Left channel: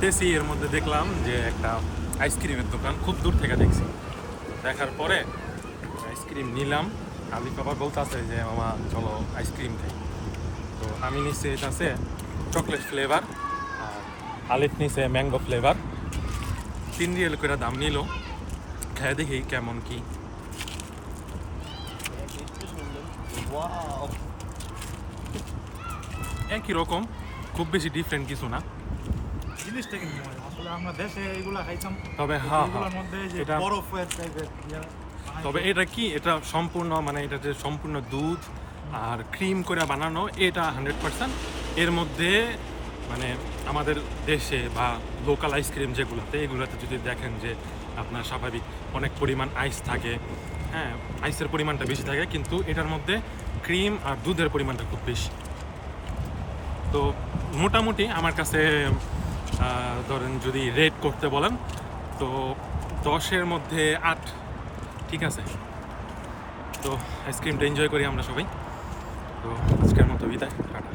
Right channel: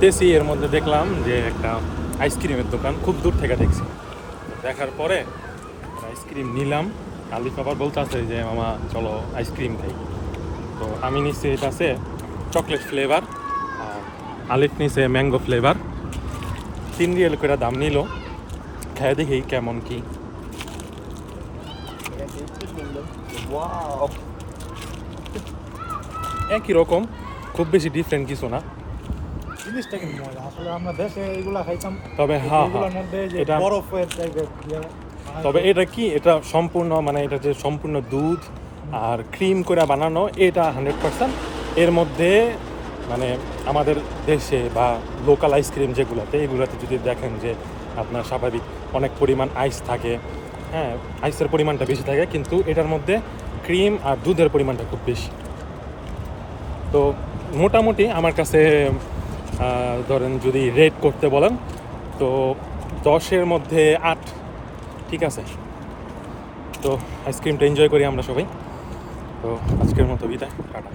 হাঁটতেছি, এর মধ্যে দেখলাম যে একটা আইসক্রিমের দোকান, খুব দূর থেকে দেখছি। দেখার পরে আইসক্রিম নিলাম। আলিফ আবার বলতে আছে যে মামা চলো আইসক্রিম খাই। তো আমি নিচ্ছি, এটা আছে চকলেট ফ্লেভার, আলিফ নিছে ম্যাঙ্গো ফ্লেভার। 3 রিয়েল করে দাম নিল। খেয়ে দেখি কেমন কি। ওয়াও, একই রকম, খুব বেশি ডিফারেন্ট কিছু না। জিনিসটা কিন্তু মজা। আসলে আমরা দেশে এগুলা খাইতাম, তবে হ্যাঁ, এগুলোর মধ্যে যে এটা বরফের টাইপের তবে এটা কি, এটা সম্পূর্ণ মানে এটা যে সম্পূর্ণ দুধ আর ক্রিম করে বানানো, এটা 100%। এর মধ্যে মানে আমাদের দেশে বা লোকাল আইসক্রিম যেগুলোতে, এগুলোতে যদি দেখেন যে আপনার স্বাভাবিক অনেক পরিমাণ আইস থাকে, হ্যাঁ আইসের পরিমাণটা বেশি থাকে, কিন্তু এটার মধ্যে ক্রিম আর দুধের পরিমাণটা খুব বেশি। তো মোটামুটি আমার কাছে ধরেন যদি রেট করতে বলেন তো 10-এর মধ্যে 8, ঠিক আছে। তো আইসক্রিমটা এনজয় করি আমরা সবাই। তো আজকের মতো বিদায়, টাটা।